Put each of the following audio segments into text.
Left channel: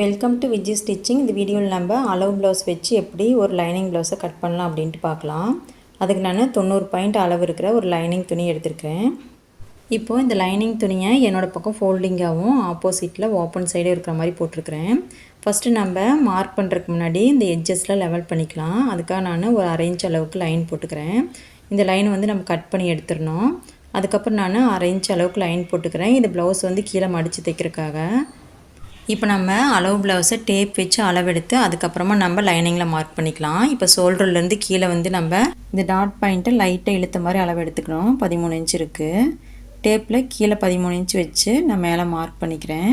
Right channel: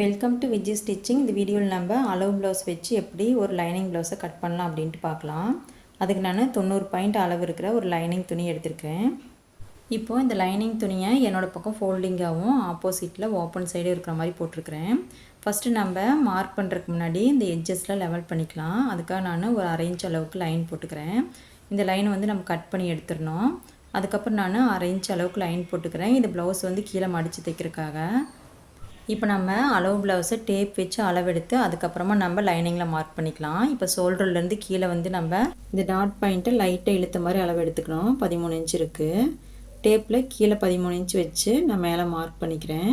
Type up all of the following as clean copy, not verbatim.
Welcome to Viji stitching. இந்த வீடியோவில் நம்ம அளவு ப்ளவுஸ் வச்சு எப்படி ஒரு லைனிங் ப்ளவுஸை கட் பண்ணலாம் அப்படின்ட்டு பார்க்கலாம். அதுக்கு நான் 90 பாயிண்ட் அளவு இருக்கிற ஒரு லைனிங் துணி எடுத்திருக்கேன். இப்போது இந்த லைனிங் துணியை என்னோடய பக்கம் ஃபோல்டிங்காகவும் ஆப்போசிட்டில் ஓப்பன் சைடு இருக்கிற மாதிரி போட்டிருக்கிறேன். ஃபஸ்ட்டு நம்ம மார்க் பண்ணுறதுக்கு முன்னாடி இந்த எட்ஜஸில் லெவல் பண்ணிக்கலாம். அதுக்காக நான் ஒரு 1/2 இன்ச் அளவுக்கு லைன் போட்டுக்கிறேன். இந்த லைன் வந்து நம்ம கட் பண்ணி எடுத்துடணும். அதுக்கப்புறம் நான் 1/2 இன்ச் அளவுக்கு லைன் போட்டுக்கிறேன். இந்த ப்ளவுஸ் வந்து கீழே மடித்து தைக்கிறதுக்காக. இப்போ நம்ம அளவு ப்ளவுஸை டேப் வச்சு அளவெடுத்து அதுக்கப்புறமா நம்ம லைனிங்கில் மார்க் பண்ணிக்கலாம். இப்போ ஷோல்டர்லேருந்து கீழே வந்து நம்ம இந்த டாட் பாயிண்ட்டு லைட்டாக இழுத்த மாதிரி அளவு எடுத்துக்கணும். 13 இன்ச் இருக்குது. டேப்பில் கீழே 13 இன்ச் வச்சு நான் மேலே மார்க் பண்ணிக்கிறேன்.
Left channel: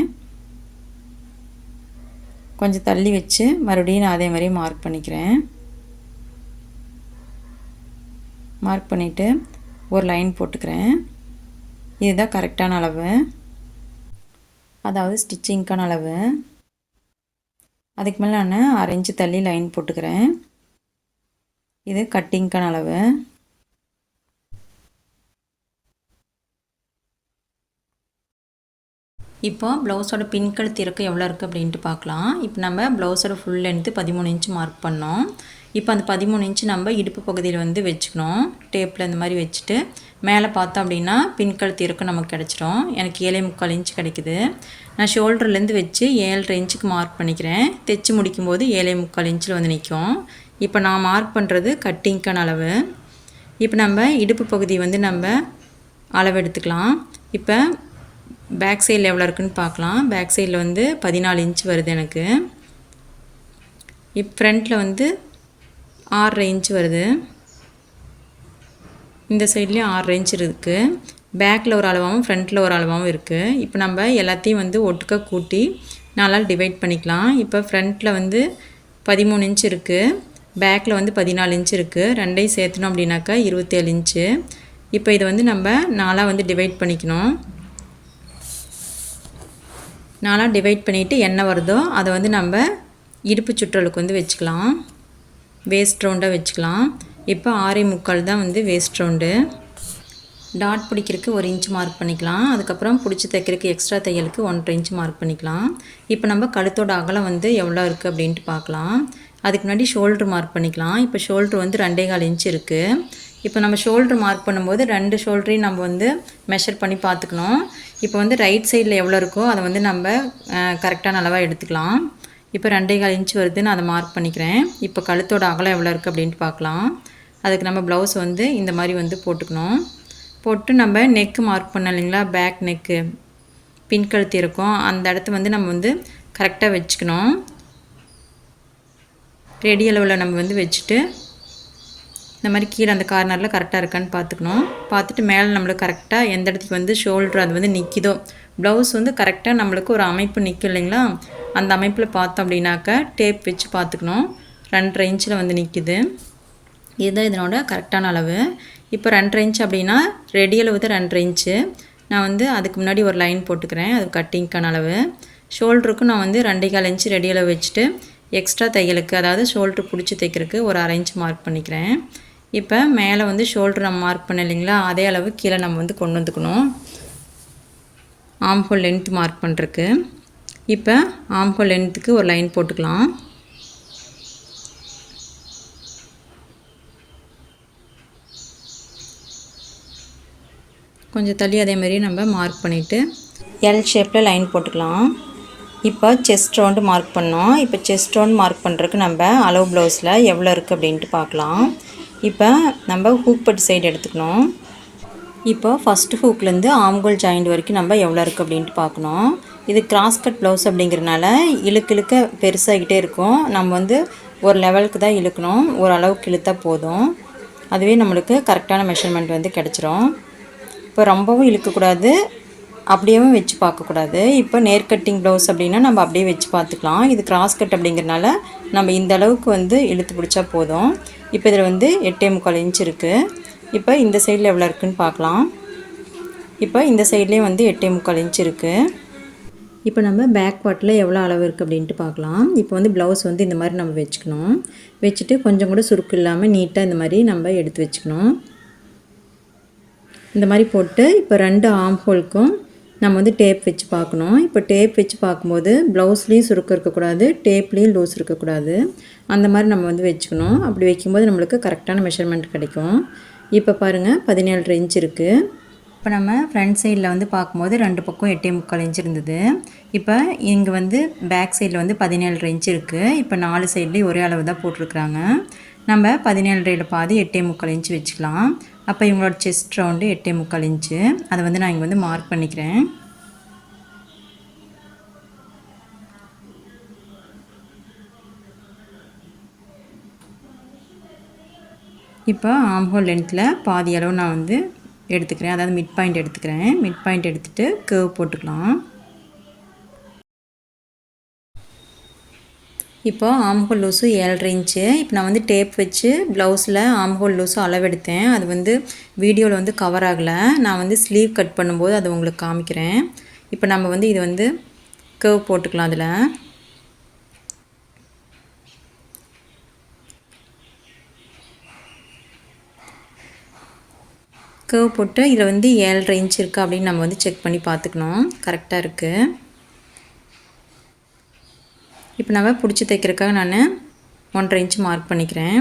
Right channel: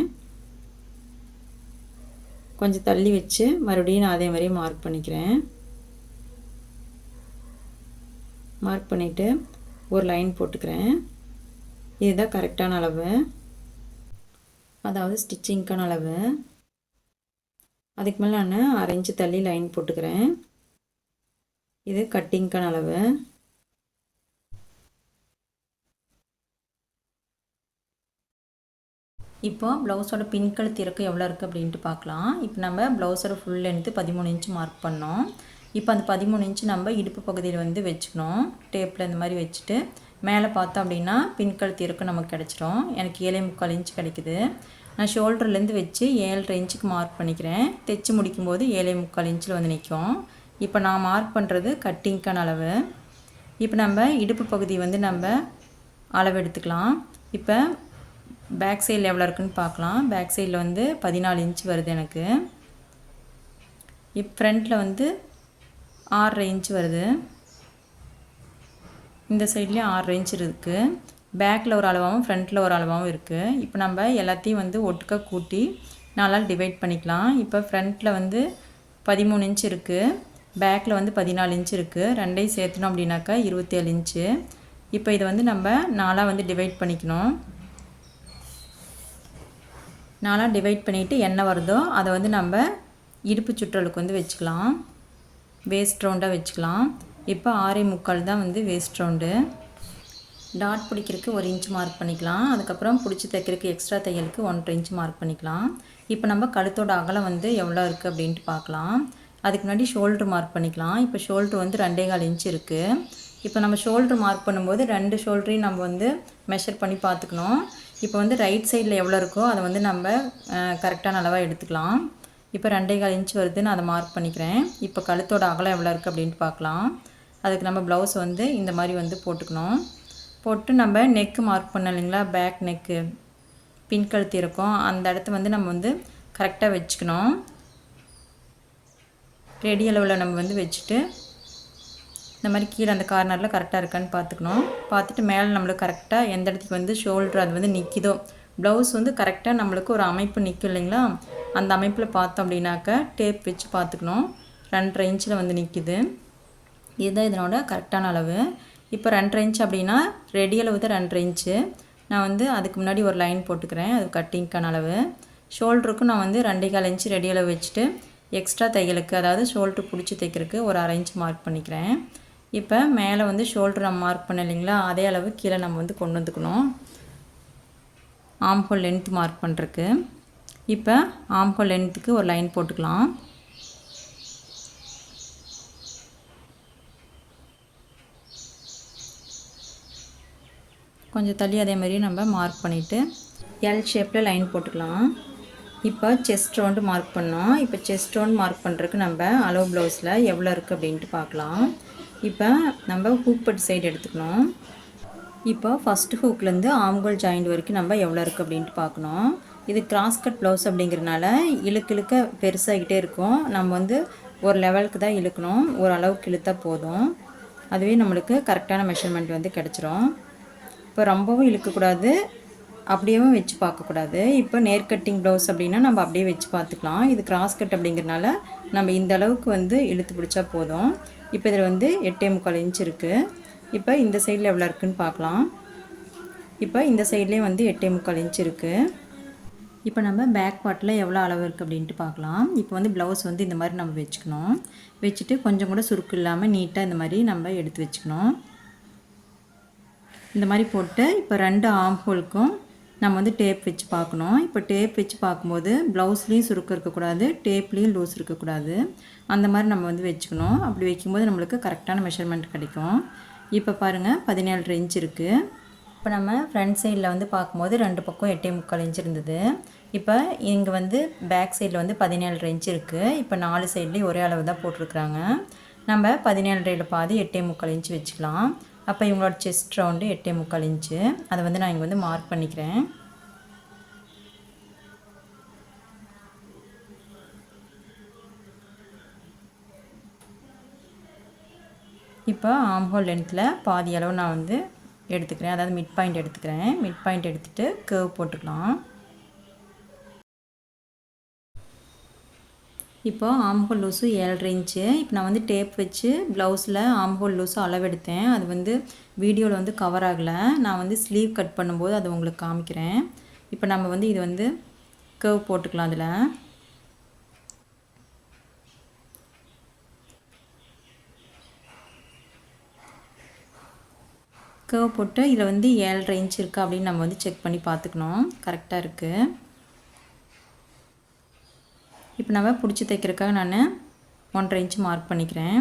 கொஞ்சம் தள்ளி வச்சு மறுபடியும் நான் அதே மாதிரி மார்க் பண்ணிக்கிறேன். மார்க் பண்ணிவிட்டு ஒரு லைன் போட்டுக்கிறேன். இதுதான் கரெக்டான அளவு, அதாவது ஸ்டிச்சிங்க்கான அளவு. அதுக்கு மேலே நான் 1/2 இன்ச்சு தள்ளி லைன் போட்டுக்கிறேன். இது கட்டிங்க்கான அளவு. இப்போ ப்ளவுஸோட பின்கழுத்து இறக்கம் எவ்வளோ இருக்குது அப்படின்ட்டு பார்க்கலாம். இப்போ நம்ம ப்ளவுஸோட ஃபுல் லென்த்து 13 இன்ச்சு மார்க் பண்ணோம். இப்போ அந்த 13 இன்ச்சு நம்ம இடுப்பு பகுதியில் வந்து வச்சுக்கணும். டேப்பில் இந்த மாதிரி வச்சுட்டு மேலே பார்த்தோம் அப்படின்னா பின்கழுத்து இறக்கம் நமக்கு கிடச்சிரும். எனக்கு 7.25 இன்ச்சு கிடைக்குது. நான் ஷோல்டர்லேருந்து வச்சு 7.5 இன்ச்சுக்கு மார்க் பண்ணிக்கிறேன். தைச்சி முடிக்கும்போது 7.25 இன்ச்சில் வந்து நிற்கும். இப்போ நான் மார்க் பண்ணுறது கட்டிங்க்கான அளவு. இப்போ நம்ம இடுப்பு பகுதி வந்து நம்ம அளவு எடுத்துக்கலாம். இப்போ பேக் சைடில் எவ்வளோ இருக்குதுன்னு பார்க்கலாம். பேக் சைடில் வந்து 14 இன்ச் வருது எனக்கு. இப்போ ஃப்ரண்ட்டில் வந்து 6.5 இன்ச் வருது. இந்த சைட்லேயும் 6.5 இன்ச் இருக்குது. பேக்கில் ஒரு அளவாகவும் ஃப்ரண்ட்டில் ஒரு அளவாகவும் இருக்குது. இப்போ நம்ம எல்லாத்தையும் வந்து ஒட்டுக்க கூட்டி 4ஆல் டிவைட் பண்ணிக்கலாம். இப்போ ஃப்ரண்ட்டில் வந்து 13 இன்ச் இருக்குது, பேக்கில் வந்து 14 இன்ச் இருக்குது. ரெண்டையும் சேர்த்துனோம் அப்படின்னாக்கா 27 இன்ச்சு. இப்போ இதை வந்து நம்ம 4ஆக வந்து டிவைட் பண்ணிக்கணும். 4ஆக டிவைட் பண்ணிவிட்டு என்ன வருதோ அதை வந்து நம்ம இடுப்பு சுற்றலுக்கு வந்து வச்சுக்கலாம். வேஸ்ட் ரவுண்டாக வச்சுக்கலாம். இப்போ 6.25 தான் வந்து வேஸ்ட் ரவுண்டு. டாட் பிடிக்கிறதுக்கு 1 இன்ச் மார்க் பண்ணிக்கலாம். அதுக்கப்புறம் பிடிச்சி தைக்கிறதுக்கு எக்ஸ்ட்ரா தையலுக்கு 1.5 இன்ச் மார்க் பண்ணிக்கலாம். இப்போ நம்ம கழுத்தோட அகலம் வந்து எவ்வளோ இருக்குது அப்படின்ட்டு பார்க்கலாம். அதுக்கு முன்னாடி ஷோல்ட்ரு மார்க் பண்ணிக்கலாம். இப்போ ஷோல்ட்ரு வந்து 2.25 இன்ச் இருக்குது. இப்போ நம்ம ஷோல்ட்ரு மார்க் பண்ணும்போது 2 ஷோல்ட்ரையும் நம்ம வந்து மெஷர் பண்ணி பார்த்துக்கணும். இப்போ வந்து ரைட் சைடில் எவ்வளோ இருக்கோ அதை வந்து நம்ம கரெக்டான அளவாக எடுத்துக்கலாம். இப்போ 2.25 இன்ச் வருது, நான் அதை மார்க் பண்ணிக்கிறேன். இப்போ கழுத்தோட அகலம் எவ்வளோ இருக்குது அப்படின்ட்டு பார்க்கலாம். அதுக்கு நம்ம ப்ளவுஸ் வந்து இந்த மாதிரி வந்து போட்டுக்கணும். போட்டு நம்ம நெக்கு மார்க் பண்ணோம் இல்லைங்களா, பேக் நெக்கு பின்கழுத்து இருக்கும், அந்த இடத்த வந்து நம்ம வந்து கரெக்டாக வச்சுக்கணும். ரெடி அளவில் நம்ம வந்து வச்சுட்டு இந்த மாதிரி கீழே அந்த கார்னரில் கரெக்டாக இருக்கான்னு பார்த்துக்கணும். பார்த்துட்டு மேலே நம்மளுக்கு கரெக்டாக எந்த இடத்துக்கு வந்து ஷோல்ட்ரு அது வந்து நிற்கிதோ, ப்ளவுஸ் வந்து கரெக்டாக நம்மளுக்கு ஒரு அமைப்பு நிற்கும் இல்லைங்களா, அந்த அமைப்பில் பார்த்தோம் அப்படின்னாக்கா டேப் வச்சு பார்த்துக்கணும். 2.5 இன்ச்சில் வந்து நிற்கிது. இதுதான் இதனோட கரெக்டான அளவு. இப்போ 2.5 இன்ச் அப்படின்னா ரெடி அளவு தான் 2.5 இன்ச்சு. நான் வந்து அதுக்கு முன்னாடி ஒரு லைன் போட்டுக்கிறேன், அது கட்டிங்க்கான அளவு. ஷோல்டருக்கும் நான் வந்து 2.25 இன்ச்சு ரெடி அளவு வச்சுட்டு எக்ஸ்ட்ரா தையலுக்கு, அதாவது ஷோல்ட்ரு பிடிச்சி தைக்கிறதுக்கு ஒரு 1/2 இன்ச் மார்க் பண்ணிக்கிறேன். இப்போ மேலே வந்து ஷோல்ட்ரு நம்ம மார்க் பண்ண இல்லைங்களா, அதே அளவு கீழே நம்ம வந்து கொண்டு வந்துக்கணும் ஆம்ஹோல் லென்த் மார்க் பண்ணுறதுக்கு. இப்போ ஆம்ஹோல் லென்த்துக்கு ஒரு லைன் போட்டுக்கலாம். கொஞ்சம் தள்ளி அதே மாதிரி நம்ம மார்க் பண்ணிவிட்டு எல் ஷேப்பில் லைன் போட்டுக்கலாம். இப்போ செஸ்ட் ரவுண்டு மார்க் பண்ணோம். இப்போ செஸ்ட் ரவுண்ட் மார்க் பண்ணுறதுக்கு நம்ம அளவு ப்ளவுஸில் எவ்வளோ இருக்குது அப்படின்ட்டு பார்க்கலாம். இப்போ நம்ம ஹூக் பட்டு சைடு எடுத்துக்கணும். இப்போ ஃபஸ்ட்டு ஹூக்லேருந்து ஆம்கோல் ஜாயிண்ட் வரைக்கும் நம்ம எவ்வளோ இருக்குது அப்படின்ட்டு பார்க்கணும். இது கிராஸ் கட் ப்ளவுஸ் அப்படிங்கிறனால இழுக்க பெருசாகிக்கிட்டே இருக்கும். நம்ம வந்து ஒரு லெவலுக்கு தான் இழுக்கணும், ஒரு அளவுக்கு இழுத்தா போதும். அதுவே நம்மளுக்கு கரெக்டான மெஷர்மெண்ட் வந்து கிடச்சிரும். இப்போ ரொம்பவும் இழுக்கக்கூடாது, அப்படியேவும் வச்சு பார்க்கக்கூடாது. இப்போ நேர் கட்டிங் ப்ளவுஸ் அப்படின்னா நம்ம அப்படியே வச்சு பார்த்துக்கலாம். இது கிராஸ் கட் அப்படிங்கிறனால நம்ம இந்த அளவுக்கு வந்து இழுத்து பிடிச்சா போதும். இப்போ இதில் வந்து 8.25 இன்ச் இருக்குது. இப்போ இந்த சைடில் எவ்வளோ இருக்குதுன்னு பார்க்கலாம். இப்போ இந்த சைட்லேயும் வந்து 8.25 இன்ச் இருக்குது. இப்போ நம்ம பேக் பார்ட்டில் எவ்வளோ அளவு இருக்குது அப்படின்ட்டு பார்க்கலாம். இப்போ வந்து ப்ளவுஸ் வந்து இந்த மாதிரி நம்ம வச்சுக்கணும். வச்சுட்டு கொஞ்சம் கூட சுருக்கு இல்லாமல் நீட்டாக இந்த மாதிரி நம்ம எடுத்து வச்சுக்கணும். இந்த மாதிரி போட்டு இப்போ 2 ஆம் ஹோலுக்கும் நம்ம வந்து டேப் வச்சு பார்க்கணும். இப்போ டேப் வச்சு பார்க்கும்போது ப்ளவுஸ்லேயும் சுருக்கம் இருக்கக்கூடாது, டேப்லேயும் லூஸ் இருக்கக்கூடாது. அந்த மாதிரி நம்ம வந்து வச்சுக்கணும். அப்படி வைக்கும்போது நம்மளுக்கு கரெக்டான மெஷர்மெண்ட் கிடைக்கும். இப்போ பாருங்கள் 17 இன்ச் இருக்குது. இப்போ நம்ம ஃப்ரண்ட் சைடில் வந்து பார்க்கும்போது 2 பக்கம் 8.75 இன்ச் இருந்தது. இப்போ இங்கே வந்து பேக் சைடில் வந்து 17 இன்ச் இருக்குது. இப்போ 4 சைட்லேயும் ஒரே அளவு தான் போட்டிருக்குறாங்க. நம்ம 17 பாதி 8.75 இன்ச் வச்சுக்கலாம். அப்போ இவங்களோட செஸ்ட் ரவுண்டு 8.75 இன்ச்சு. அதை வந்து நான் இங்கே வந்து மார்க் பண்ணிக்கிறேன். இப்போ ஆம்ஹோல் லென்த்தில் பாதி அளவு நான் வந்து எடுத்துக்கிறேன். அதாவது மிட் பாயிண்ட் எடுத்துக்கிறேன். மிட் பாயிண்ட் எடுத்துகிட்டு கர்வ் போட்டுக்கலாம். இப்போ ஆம்ஹோல் லூஸு 7.5 இன்ச்சு. இப்போ நான் வந்து டேப் வச்சு ப்ளவுஸில் ஆம்ஹோல் லூஸும் அளவெடுத்தேன். அது வந்து வீடியோவில் வந்து கவர் ஆகலை. நான் வந்து ஸ்லீவ் கட் பண்ணும்போது அதை உங்களுக்கு காமிக்கிறேன். இப்போ நம்ம வந்து இது வந்து கர்வ் போட்டுக்கலாம். அதில் கர்வ் போட்டு இதில் வந்து 7.5 இன்ச் இருக்குது அப்படின்னு நம்ம வந்து செக் பண்ணி பார்த்துக்கணும். கரெக்டாக இருக்குது. இப்போ நம்ம பிடிச்சி தைக்கிறதுக்காக நான் 1.5 இன்ச் மார்க் பண்ணிக்கிறேன்.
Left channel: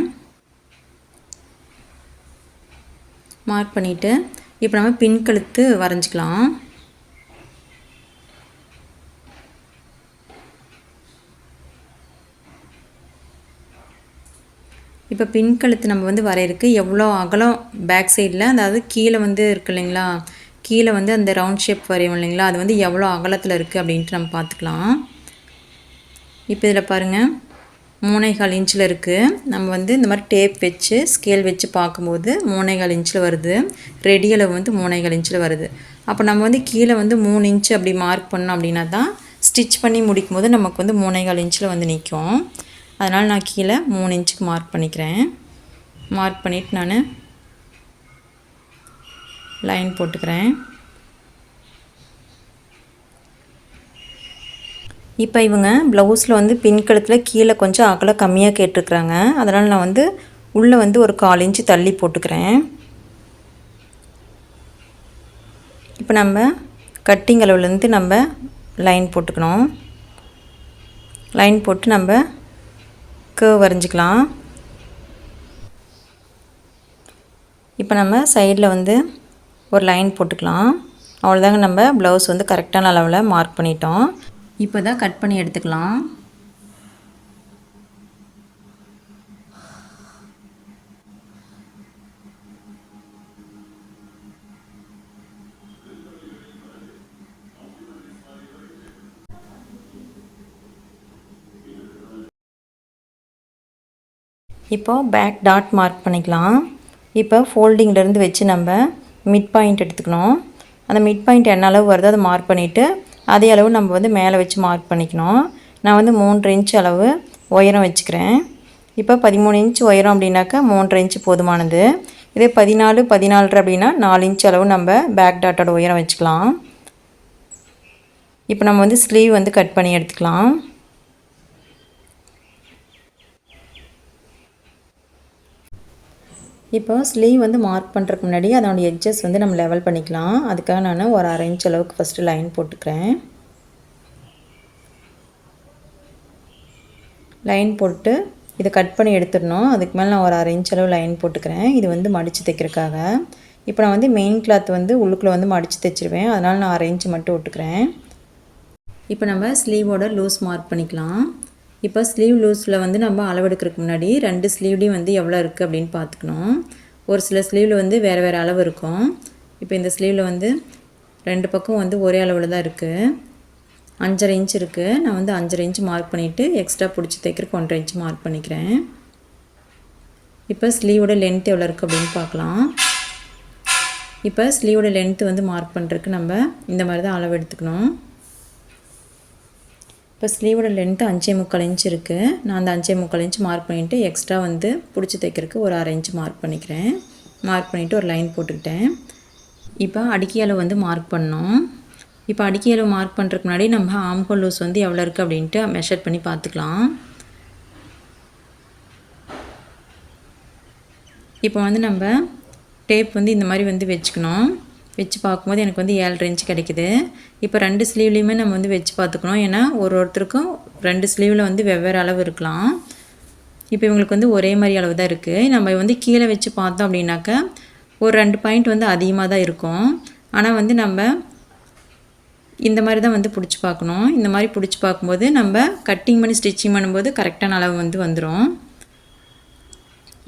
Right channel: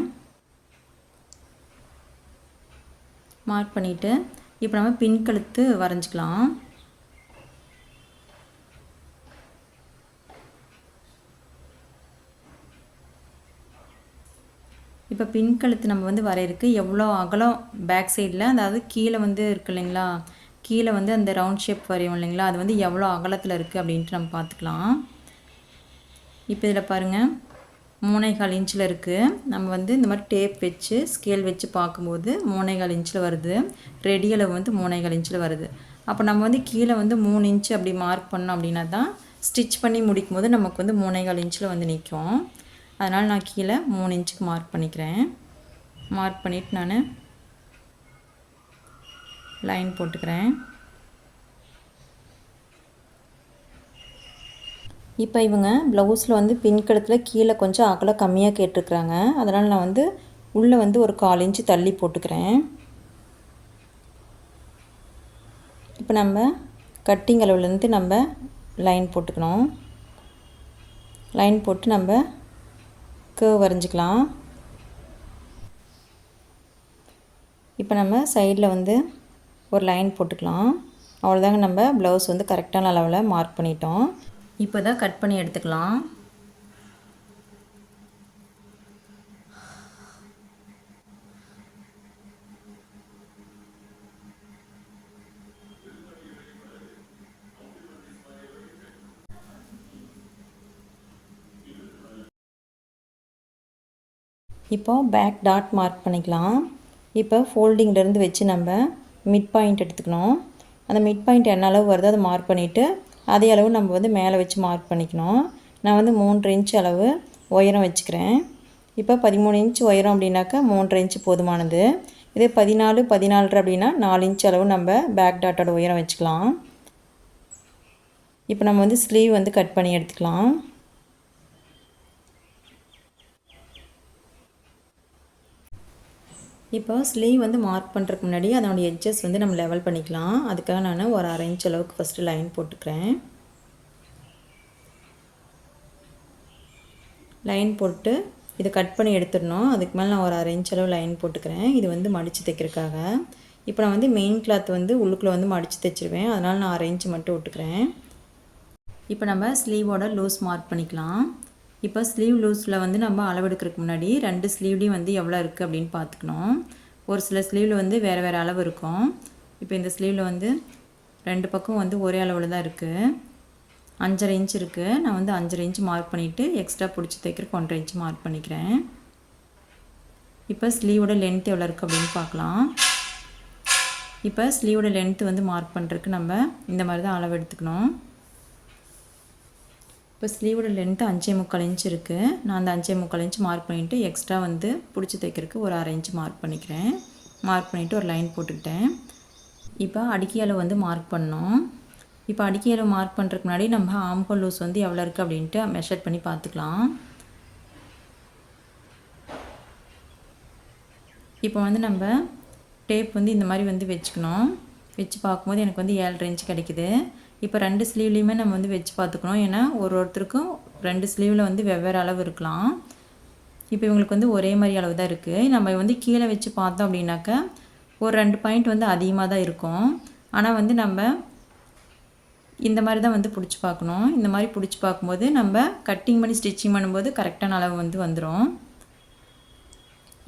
மார்க் பண்ணிவிட்டு இப்போ நம்ம பின் கழுத்து வரைஞ்சிக்கலாம். இப்போ பின் கழுத்து நம்ம வந்து வரையிறதுக்கு எவ்வளோ அகலம் பேக் சைடில், அதாவது கீழே வந்து இருக்குது இல்லைங்களா, கீழே வந்து அந்த ரவுண்ட் ஷேப் வரையும் இல்லைங்களா, அது வந்து எவ்வளோ அகலத்தில் இருக்குது அப்படின்ட்டு நம்ம பார்த்துக்கலாம். இப்போ இதில் பாருங்கள் 3.25 இன்ச்சில் இருக்குது. நம்ம வந்து இந்த மாதிரி டேப் வச்சு ஸ்கேல் வச்சு பார்க்கும்போது 3.25 இன்ச்சில் வருது. ரெடி அளவு வந்து 3.25 இன்ச்சில் வருது. அப்போ நம்ம வந்து கீழே வந்து 3 இன்ச்சு அப்படி மார்க் பண்ணோம் அப்படின்னா தான் ஸ்டிச் பண்ணி முடிக்கும் போது நமக்கு வந்து 3.25 இன்ச்சில் வந்து நிற்கும். அதனால் நான் கீழே 3 இன்ச்சுக்கு மார்க் பண்ணிக்கிறேன். மார்க் பண்ணிவிட்டு நான் லைன் போட்டுக்கிறேன். இப்போ இவங்க ப்ளவுஸில் வந்து பின் கழுத்தில் கீழே கொஞ்சம் அகலம் கம்மியாக கேட்டிருக்குறாங்க. அதனால் நான் வந்து உள்ளே வந்து ஒரு 1/4 இன்ச்சு தள்ளி போட்டுக்கிறேன். இப்போ நம்ம கட்டிங் அளவுலேருந்து நம்ம லைன் போட்டுக்கணும். லைன் போட்டு நம்ம கர்வ் வரைஞ்சிக்கலாம். இப்போ நம்ம சைடில் வந்து ஒரு லைன் போட்டுக்கலாம். அவ்வளோதாங்க, நம்ம ப்ளவுஸ் வந்து கரெக்டான அளவில் மார்க் பண்ணிட்டோம். இப்போ தான் கட் பண்ணி எடுத்துக்கலாம். இப்போது பேக் டாட் மார்க் பண்ணிக்கலாம். இப்போ ஃபோல்டிங்லேருந்து வச்சு நம்ம மிட் பாயிண்ட் எடுத்துக்கணும். அந்த மிட் பாயிண்ட் என்ன அளவு வருதோ அதை மார்க் பண்ணிவிட்டு அதே அளவு நம்ம வந்து மேலே வச்சு மார்க் பண்ணிக்கணும். நான் வந்து 3 இன்ச் அளவு உயரம் வச்சுக்கிறேன். இப்போ 13 இன்ச் உயரம் அப்படின்னாக்கா 3.5 இன்ச் போதுமானது. இதே 14, 14 அப்படின்னா 4 இன்ச் அளவு நம்ம பேக் டாட்டோட உயரம் வச்சுக்கலாம். இப்போ நம்ம வந்து ஸ்லீவ் வந்து கட் பண்ணி எடுத்துக்கலாம். இப்போ ஸ்லீவ் வந்து மார்க் பண்ணுறதுக்கு முன்னாடி அதோடய எட்ஜஸ் வந்து நம்ம லெவல் பண்ணிக்கலாம். அதுக்காக நான் ஒரு 1/2 இன்ச் அளவுக்கு ஃபஸ்ட்டு லைன் போட்டுக்கிறேன். லைன் போட்டு இதை கட் பண்ணி எடுத்துடணும். அதுக்கு மேலே நான் ஒரு 1/2 இன்ச் அளவு லைன் போட்டுக்கிறேன். இது வந்து மடித்து தைக்கிறதுக்காக. இப்போ நான் வந்து மெயின் கிளாத் வந்து உள்ளுக்குள்ளே வந்து மடித்து தைச்சிருவேன். அதனால் நான் 1/2 இன்ச் மட்டும் விட்டுக்கிறேன். இப்போ நம்ம ஸ்லீவோட லூஸ் மார்க் பண்ணிக்கலாம். இப்போ ஸ்லீவ் லூஸில் வந்து நம்ம அளவெடுக்கிறதுக்கு முன்னாடி 2 ஸ்லீவ்லேயும் வந்து எவ்வளோ இருக்குது அப்படின்னு பார்த்துக்கணும். ஒரு சில ஸ்லீவில் வந்து வேறு வேறு அளவு இருக்கும். இப்போ இந்த ஸ்லீவில் வந்து 2 பக்கம் வந்து ஒரே அளவில் தான் இருக்குது. 5.5 இன்ச் இருக்குது. நான் வந்து 5.5 இன்ச் மார்க் பண்ணிவிட்டு எக்ஸ்ட்ரா பிடிச்சி தைக்கிறதுக்கு 1.5 இன்ச் மார்க் பண்ணிக்கிறேன். இப்போ ஸ்லீவோட லென்த் எவ்வளோ இருக்குது அப்படின்னு பார்க்கலாம். இப்போ ஸ்லீவோட லென்த்து வந்து மார்க் பண்ணுறதுக்கு நம்ம இந்த மாதிரி தான் அளவு எடுத்துக்கணும். இப்போ ஸ்லீவோட லென்த்து 5.25 இன்ச் இருக்குது. நான் அந்த 5.25 இன்ச் மார்க் பண்ணிவிட்டு எக்ஸ்ட்ரா வந்து பிடிச்சி தைக்கிறதுக்கு ஒரு 1/2 இன்ச் மார்க் பண்ணிக்கிறேன். மார்க் பண்ணிவிட்டு ஒரு லைன் போட்டுக்கிட்டேன். இப்போ அடிக்கை அளவு வந்து மார்க் பண்ணோம். இப்போ அடிக்கை அளவு மார்க் பண்ணுறதுக்கு முன்னாடி நம்ம ஆம்ஹோல் லூஸ் வந்து எவ்வளோ இருக்குது அப்படின்ட்டு மெஷர் பண்ணி பார்த்துக்கலாம். இப்போ வந்து நம்ம டேப் வந்து இந்த மாதிரி வந்து வச்சுக்கணும். வச்சு பார்க்கும்போது எனக்கு வந்து 7.5 இன்ச் கிடைக்குது. இப்போ 2 ஸ்லீவ்லேயுமே நம்ம வந்து வச்சு பார்த்துக்கணும். ஏன்னா ஒருத்தருக்கும் 2 ஸ்லீவில் வந்து வெவ்வேறு அளவு இருக்கலாம். இப்போ இவங்களுக்கு வந்து ஒரே மாதிரி அளவு தான் இருக்குது. நம்ம வந்து கீழே வச்சு பார்த்தோம் அப்படின்னாக்கா ஒரு 2 பாயிண்ட் வந்து அதிகமாக தான் இருக்கும். ஆனால் வந்து நம்ம இந்த மாதிரி தான் வந்து பிடிச்சி பார்க்கணும். இந்த மாதிரி பிடிச்சி பார்க்கும்போது நம்ம கட்டிங் பண்ணி ஸ்டிச்சிங் பண்ணும்போது கரெக்டான அளவு வந்து வந்துடும்.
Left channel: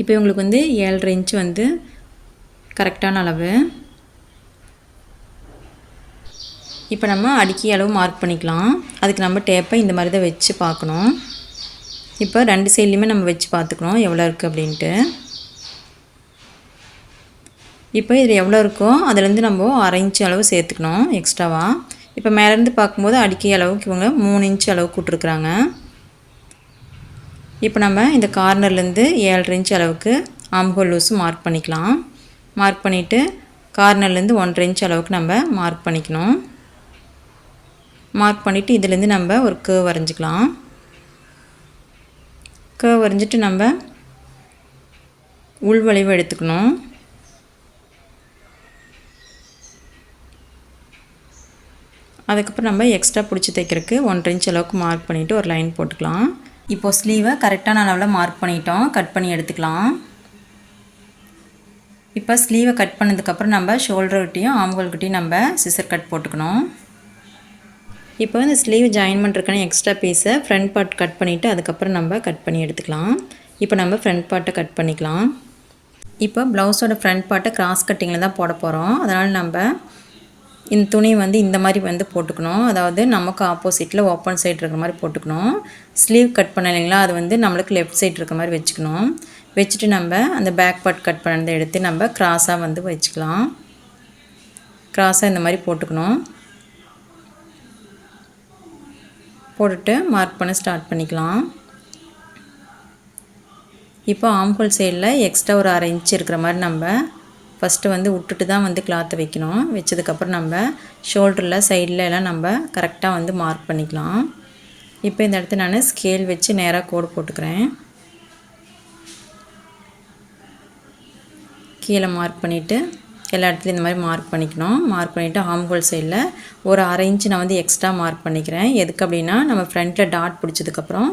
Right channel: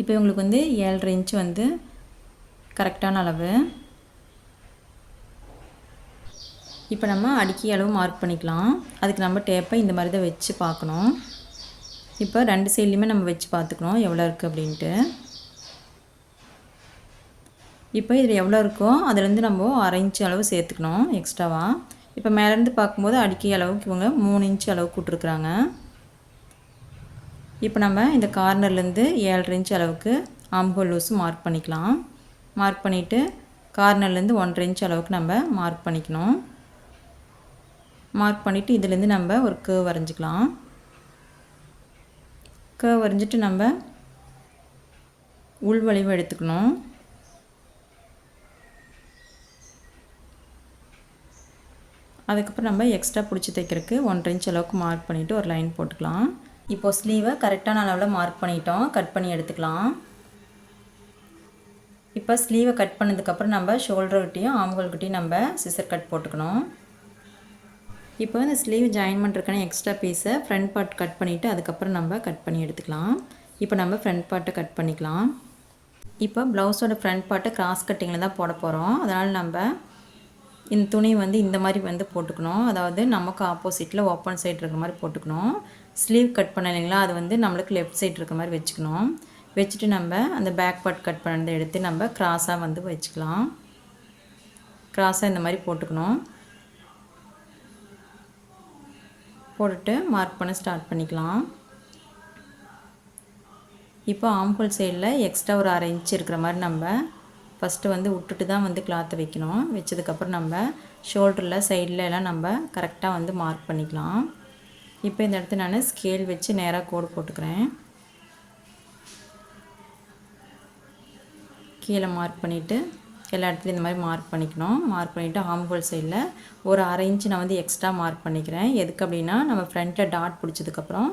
இப்போ இவங்களுக்கு வந்து 7.5 இன்ச் வந்து கரெக்டான அளவு. இப்போ நம்ம அடிக்கி அளவு மார்க் பண்ணிக்கலாம். அதுக்கு நம்ம டேப்பை இந்த மாதிரி தான் வச்சு பார்க்கணும். இப்போ 2 சைட்லேயுமே நம்ம வச்சு பார்த்துக்கணும் எவ்வளோ இருக்குது அப்படின்ட்டு. இப்போ இது எவ்வளோ இருக்கோ அதுலேருந்து நம்ம 1/2 இன்ச் அளவு சேர்த்துக்கணும் எக்ஸ்ட்ராவாக. இப்போ மேலேருந்து பார்க்கும்போது அடிக்கை அளவுக்கு இவங்க 3 இன்ச் அளவு கூட்டிருக்குறாங்க. இப்போ நம்ம இந்த கார்னர்லேருந்து 7.5 இன்ச் அளவுக்கு ஆம்ஹோல் லூஸு மார்க் பண்ணிக்கலாம். மார்க் பண்ணிவிட்டு கார்னர்லேருந்து 1.5 இன்ச் அளவுக்கு நம்ம மார்க் பண்ணிக்கணும். மார்க் பண்ணிவிட்டு இதுலேருந்து நம்ம ஒரு கர்வ் வரைஞ்சிக்கலாம். கர்வ் வரைஞ்சிட்டு நம்ம உள்வளைவு எடுத்துக்கணும். அதுக்கப்புறம் நம்ம எக்ஸ்ட்ரா பிடிச்சி தைக்கிறதுக்கு 1.5 இன்ச் அளவுக்கு மார்க் பண்ணிவிட்டு ஒரு லைன் போட்டுக்கலாம். இப்போது ஸ்லீவை கரெக்டான அளவில் மார்க் பண்ணிட்டோம். கட் பண்ணி எடுத்துக்கலாம். இப்போ ஸ்லீவை கட் பண்ணதுக்கப்புறம் நம்ம ஷோல்டர்கிட்டையும் ஆம்ஹோல்கிட்டையும் நம்ம சிசர் கட் போட்டுக்கணும். இப்போ இந்த ஸ்லீவ் ஜாயின் பண்ணுறதுக்கான எக்ஸ்ட்ரா பீஸை ஃப்ரண்ட் பார்ட் கட் பண்ணிவிட்டு அதுக்கப்புறம் நம்ம கட் பண்ணி எடுத்துக்கலாம். இப்போ நம்ம ஃப்ரண்ட் பார்ட்டை கட் பண்ணிக்கலாம். இப்போ ப்ளவுஸோட ஃப்ரண்ட் பார்ட்டை கிராஸ் கட்டிங்கில் தான் போட போகிறோம். அதனால் நம்ம இந்த துணி வந்து இந்த மாதிரி வந்து போட்டுக்கணும். அதாவது நமக்கு ஆப்போசிட்டில் ஓப்பன் சைடு இருக்கிற மாதிரி போட்டுக்கணும். ஸ்லீவ் கட் பண்ண இல்லைங்களா, அது வந்து நம்மளுக்கு லெஃப்ட் சைடு இருக்கிற மாதிரி வச்சுக்கணும். வச்சுட்டு நம்ம அந்த பேக் பார்ட் கட் பண்ணதை எடுத்து நம்ம கிராஸாக வந்து வச்சுக்கலாம். கிராஸாக இந்த மாதிரி போட்டுக்கணும். போட்டுட்டு மார்க் பண்ண ஸ்டார்ட் பண்ணிக்கலாம். இப்போ ஆம்ஹோல் சைடில் எக்ஸ்ட்ரா ஒரு 1/2 இன்ச் இருக்கிற மாதிரி நம்ம ஃபஸ்ட்டு வந்து விட்டுட்டு தான் வந்து கிளாத்தை வைக்கணும். வச்சதுக்கப்புறம் நம்ம ஷோல்டரில் சைடில் எல்லாம் நம்ம கரெக்டாக வந்து மார்க் பண்ணிக்கலாம். இப்போ இந்த இடத்துல நான் ஸ்கேல் வச்சு நேராக கோடு போட்டுக்கிறேன். கீழே மார்க் பண்ணிவிட்டு எல்லா இடத்துலையும் இந்த மாதிரி மார்க் பண்ணிக்கணும். மார்க் பண்ணிவிட்டு ஆம்ஹோல் சைடில் ஒரு 1/2 இன்ச் நான் வந்து எக்ஸ்ட்ரா மார்க் பண்ணிக்கிறேன். எதுக்கு அப்படின்னா நம்ம ஃப்ரண்ட்டில் டாட் பிடிச்சதுக்கப்புறம்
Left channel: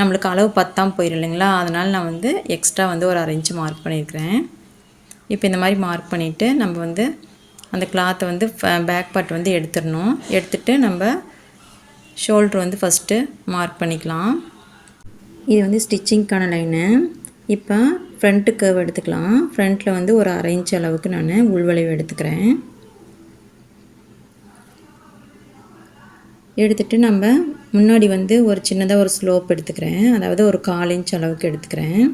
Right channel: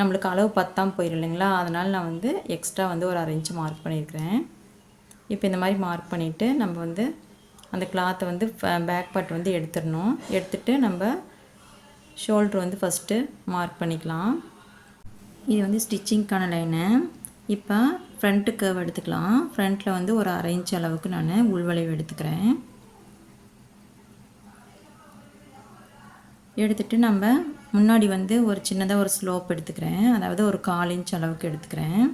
நம்மளுக்கு அளவு பத்தாமல் போயிடும் இல்லைங்களா, அதனால் நான் வந்து எக்ஸ்ட்ரா வந்து ஒரு 1/2 இன்ச் மார்க் பண்ணியிருக்கிறேன். இப்போ இந்த மாதிரி மார்க் பண்ணிவிட்டு நம்ம வந்து அந்த கிளாத்தை வந்து பேக் பார்ட் வந்து எடுத்துடணும். எடுத்துகிட்டு நம்ம ஷோல்ட்ரு வந்து ஃபஸ்ட்டு மார்க் பண்ணிக்கலாம். இது வந்து ஸ்டிச்சிங்க்கான லைனு. இப்போ ஃப்ரண்ட்டு கர்வ் எடுத்துக்கலாம். ஃப்ரண்ட்டில் வந்து ஒரு 1/2 இன்ச் அளவுக்கு நான் உள்வளைவு எடுத்துக்கிறேன். எடுத்துகிட்டு நம்ம முன்னாடி வந்து ஒரு சின்னதாக ஒரு ஸ்லோப் எடுத்துக்கிறேன். அதாவது ஒரு 1/4 இன்ச் அளவுக்கு எடுத்துக்கிறேன்.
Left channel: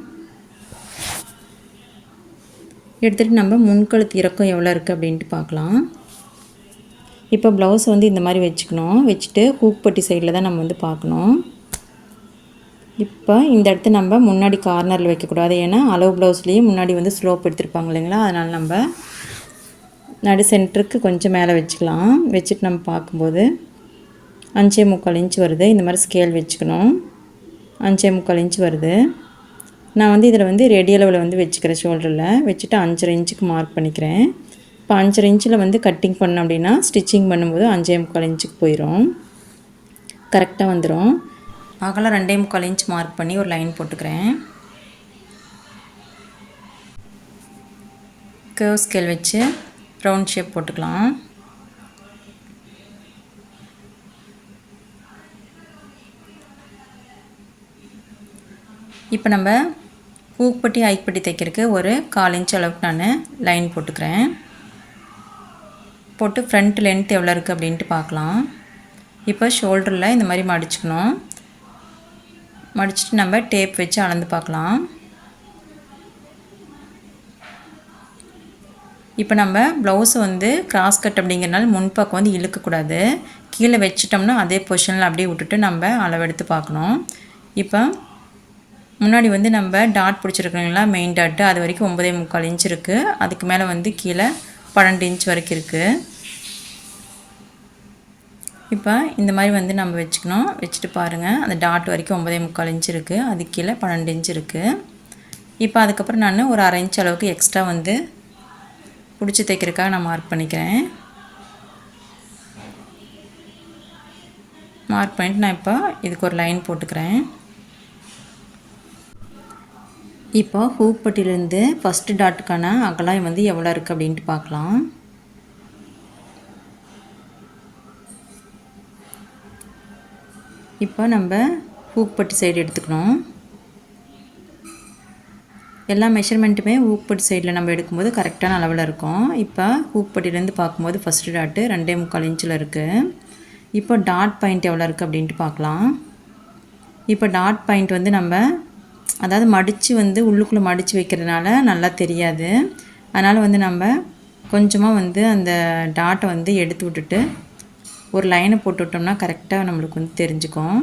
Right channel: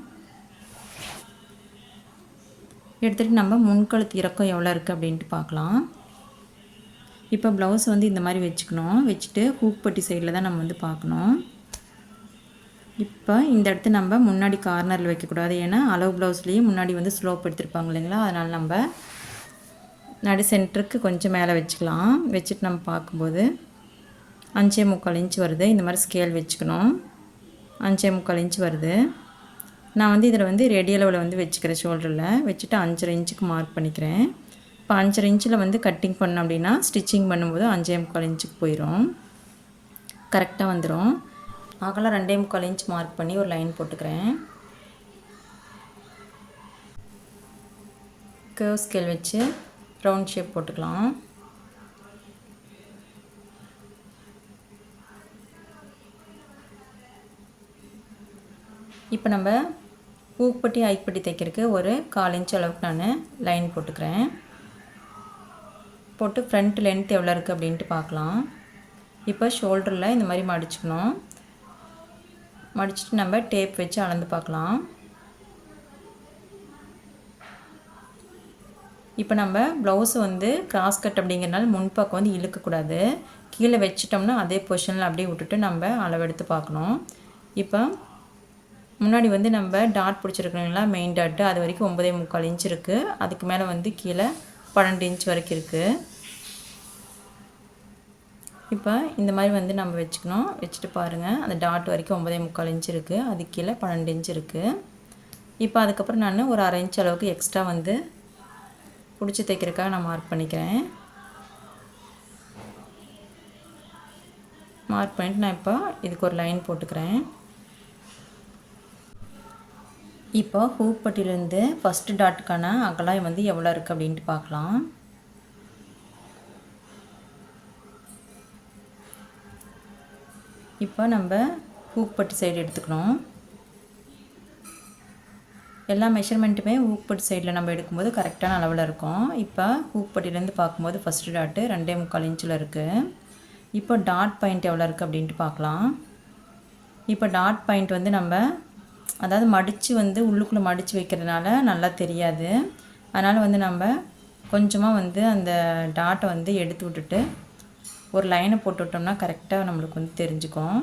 எடுத்துகிட்டு நம்ம முன்கழுத்து இறக்கம் எவ்வளோ இருக்குது அப்படின்ட்டு பார்க்கலாம். இப்போ ப்ளவுஸ் வந்து இந்த மாதிரி வச்சுக்கணும். வச்சுட்டு ஹூக் பட்டி சைடில் தான் நம்ம வந்து பார்க்கணும். இப்போ இந்த இடத்த நம்ம முன்னாடி கார்னரில் வைக்கக்கூடாது. ஏன்னா அளவு ப்ளவுஸ்லேயே முன்னாடி வந்து ஸ்லோப் எடுத்துருப்பாங்க இல்லைங்களா, அதனால் நம்ம நடு சென்டருக்கு கொஞ்சம் மேலே வச்சுக்கலாம். வச்சுட்டு நம்ம பார்க்கும்போது 5.25 இன்ச் வருது. இந்த மாதிரி ஸ்கேல் வச்சுக்கணும். 5.25 இன்ச் வருது. நான் வந்து இதில் வந்து ரெடி அளவில் வந்து வச்சுக்கிறேன். ஷோல்டரில் வச்சுட்டு 5.5 இன்ச்சுக்கு மார்க் பண்ணிக்கிறேன். இப்போ 5.5 இன்ச்சில் வந்து கட்டிங் பண்ணோம் அப்படின்னா ஸ்டிச்சிங் பண்ணும்போது 5.25 இன்ச்சுக்கு போயிடும். கரெக்டாக வந்துடும். அகலம் 2.25 இன்ச் மார்க் பண்ணி ஒரு லைன் போட்டுக்கிறேன். கர்வ் ஸ்கேல் வச்சு ரவுண்ட் ஷேப் போட்டுக்கலாம். இப்போ நம்ம ஹூக் பட்டி ஹைக் பட்டி தைக்கிறதுக்கு ஒரு 1/4 இன்ச் அளவுக்கு நான் லைன் போட்டுக்கிறேன். போட்டு ஃப்ரண்ட் லென்த் எவ்வளோ இருக்குது அப்படின்ட்டு பார்க்கலாம். இப்போ ஷோல்டரில் இந்த மாதிரி மடிச்சுக்கணும். மடிச்சுட்டு நம்ம டேப் வச்சு அளந்து பார்க்கலாம். இப்போ நம்ம ப்ளவுஸை வந்து கிராஸ் கட் அப்படிங்கிறனால முன்பக்கம் வந்து இழுக்கக்கூடாது. கீழே வச்சிட்டோம்னா அதே பொசிஷனில் அப்படியே விட்டுட்டு நம்ம அளவெடுத்து பார்க்கணும். இப்போ முன்னாடி வந்து நம்ம டாட் பிடிச்சிருக்கோங்களா, மெயின் டாட்டு, அது வரைக்கும் 9.25 இன்ச் இருக்குது. அதுக்கு மேலே வந்து கீழே 12 இன்ச் வரைக்கும் இருக்குது. இப்போ இந்த மாதிரி வந்து நம்ம வச்சுக்கணும். வச்சுட்டு பாருங்கள், அந்த டாட் வரைக்கும் 9.25 இன்ச் இருக்குது. அதுக்கு கீழே 12 இன்ச் இருக்குது. இப்போ அதுக்கப்புறம் நான் ஒரு 1/2 இன்ச் அளவுக்கு எக்ஸ்ட்ரா வந்து பிடிச்சி தைக்கிறதுக்காக நான் மார்க் பண்ணிக்கிறேன். மார்க் பண்ணிவிட்டு நான் இப்போ இதுக்கு ஒரு லைன் போட்டுக்கிறேன். இப்போ ஹூக் பட்டியிலேருந்து ஃபஸ்ட்டு டாட்டுக்கான அகலம் வந்து எவ்வளோ இருக்குது அப்படின்ட்டு பார்க்கலாம். இப்போ நம்ம ஹூக் பட்டி சைடு எடுத்துக்கணும். எல்லா மெஷர்மெண்ட்டுமே ஹூக் பட்டி சைடில் நம்ம எடுக்கும்போது கரெக்டான அளவில் இருக்கும். இப்போ ஹூக் பட்டியிலேருந்து பார்க்கும்போது ஃபஸ்ட்டு டாட்டு 2.25 இன்ச்சில் இருக்குது. இப்போ டாட் பாயிண்ட் எவ்வளோ இருக்குது அப்படின்ட்டு பார்க்கலாம். இப்போ டாட் பாயிண்ட் வந்து நம்ம அதாவது மடித்து வந்து உள்ளுக்குள்ளே மடித்து வைக்கிறதுனால நல்லா தெரியாது. அதனால் வந்து நம்ம கொஞ்சமாக வந்து அந்த டாட்டை வந்து எடுத்து விட்டுட்டு ஒரு லைனை போட்டு விட்டோம்னா கரெக்டாக நம்மளுக்கு வந்து தெரிஞ்சுக்கும்.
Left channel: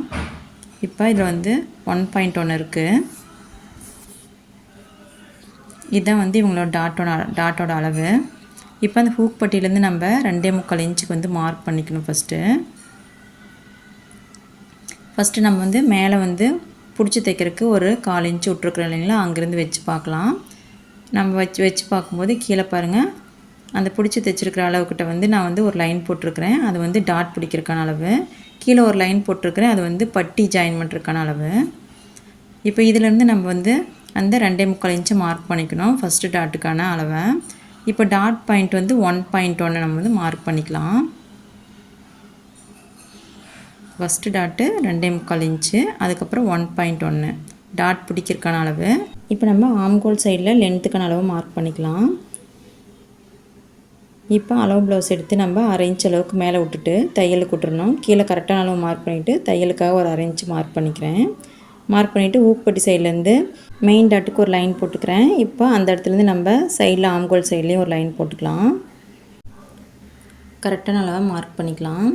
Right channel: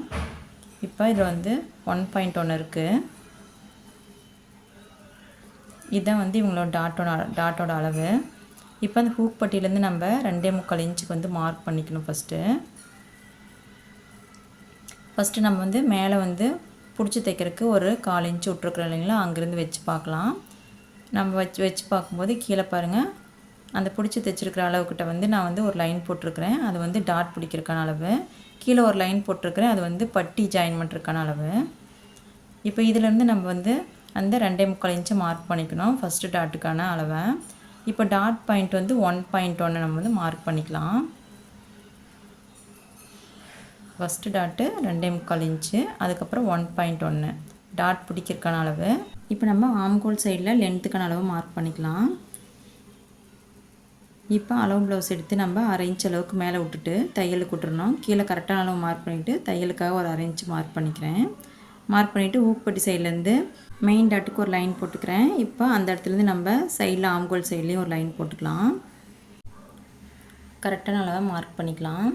இப்போ இதில் வந்து 1.1 இருக்குது. இதுதான் வந்து இவங்களோட டாட்டோட அளவு. இப்போ அந்த ஹூக் பட்டியிலேருந்து நம்ம 2.25 இன்ச்சுக்கு வந்து மார்க் பண்ணிக்கணும். ஃபஸ்ட்டு நம்ம வந்து மேலே வந்து பிடிச்சி தைக்கிறதுக்கு ஒரு 1/4 இன்ச்சு விட்ருக்குறோம் இல்லைங்களா, அங்கேருந்து வச்சு பார்க்கலாம். நம்ம வச்சு பார்க்கும்போது கீழே பாருங்கள், அந்த பிடிச்சி தைச்சிருக்கிற அளவுக்கிட்ட வந்து நான் வந்து ஒரு லைன் போட்டிருக்கிறேன். அது வந்து டாட் பிடிக்கிறதுக்கான அளவு. கீழே ஒரு லைன் போட்டிருக்கிறேன், அது வந்து பட்டி ஜாயின் பண்ணுறதுக்கான அளவு. இப்போ இதிலேருந்து நம்ம வந்து அந்த 2.25 இன்ச்சு மார்க் பண்ணிக்கணும் ஃபஸ்ட்டு டாட்டுக்கான அளவை. இப்போ டாட் பாயிண்ட் வந்து 1.1 நம்ம வந்து மார்க் பண்ணிக்கலாம். ஃபஸ்ட்டு டாட்டு 2.25 இன்ச்சு, அதுக்கப்புறம் 1.1 டாட் பிடிக்கிறதுக்கான அளவு. இப்போ நம்ம ஆம்கோல் சைடில் லென்த்துக்கான அளவு மார்க் பண்ணிக்கலாம். இப்போ அளவு ப்ளவுஸ் எடுத்து நம்ம 1/2 இன்ச் அளவுக்கு மேலே விட்டுட்டு தையலுக்கு விட்டுறணும். கீழே கரெக்டான அளவு மார்க் பண்ணிவிட்டு தையலுக்காக ஒரு 1/2 இன்ச்சு மார்க் பண்ணிக்கிறேன். மார்க் பண்ணிவிட்டு ஊக்குப்பட்டி சைட்லேருந்து மெயின் டாட்டுக்கு ஒரு லைன் போட்டுக்கிறேன். இப்போ அந்த இடத்துலேருந்து நம்ம சைடில் ஆம்கோல் சைட்லேயும் ஒரு லைன் போட்டுக்கலாம். கரெக்டான அளவை மார்க் பண்ணிக்கலாம்.